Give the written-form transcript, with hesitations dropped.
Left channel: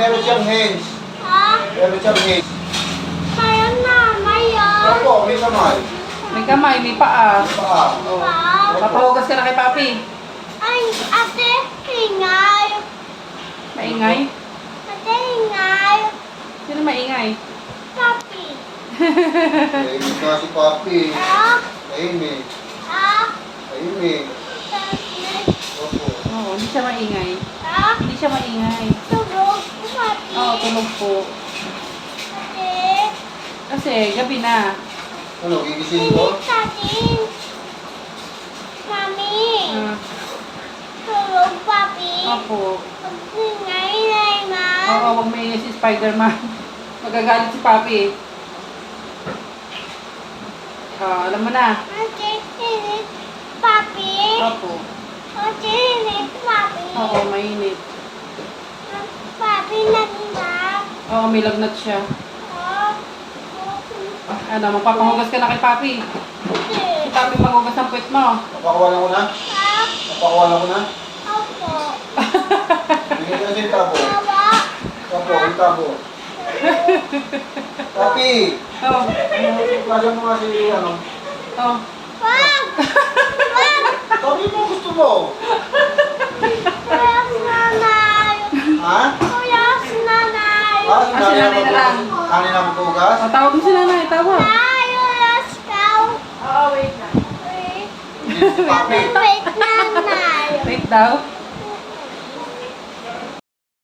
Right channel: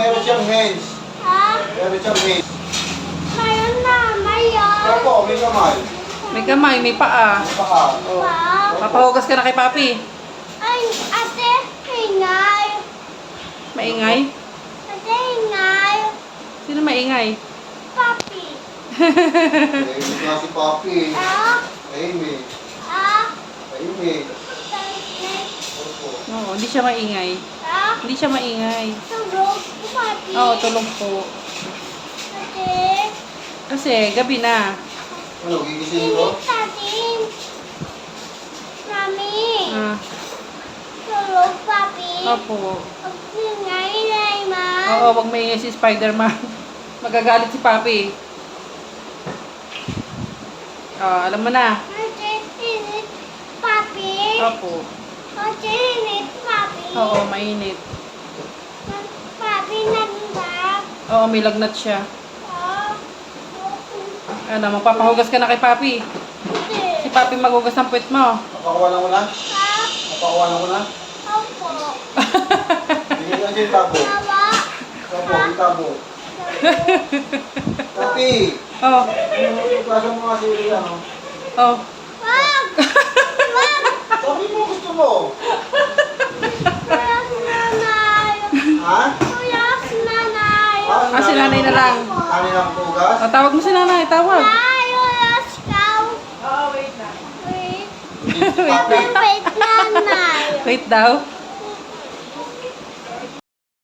meron siyang hands. Ha? Meron siyang hands. Mayroon na, mayroon. Opo, may kamay. May kamay, may paa. May paa. Oh. Wow. Papahugas ka na kay Papi. Ay, ate, ingay. Maingay? Ate, ingay. Sino maingay? Papi. Tahimik na si Papi. Ah, Tahimik. ah, Tahimik. tane. Opo. Oo, hindi siya maingay. Ah, Hindi siya maingay. tulog, papi. Oo, tulog po. Ate, Kasi gabi na. Ano, gigising ko? init natin. Mami, Ah, tulog, papi. opo. Pag ingay, Layman. Oo, wag maingay si Spider-Man. Magagalit si Papi. Alam mo na. Ate, init, papi. Opo. Ate, init, papi. Oo, mainit. Papi, nagba. Oo, may lagnat siya. Ah, Ano, magpapahugas ka na kay Papi. hindi. Si Papi maghugas ng puwet mo. Napakuha na ko na? Ah, Napakuha na ko na? opo. Bigyan niya si tabo. Baba. Opo, yung tabo. Papi! Oh, Ano, tuklasan mo nga si, ano? oh. Wag! Wag! Sabi mo gusto mo. Kuya nanay. Ha? Kuya nanay. Ah, si nanay na lang. Nanay na magtugas? Tawag mo si nanay, tawag. Nay, wala ikaw. Oo, wait na. Wait. Hindi si Papi. Wait, nanay. Wait daw.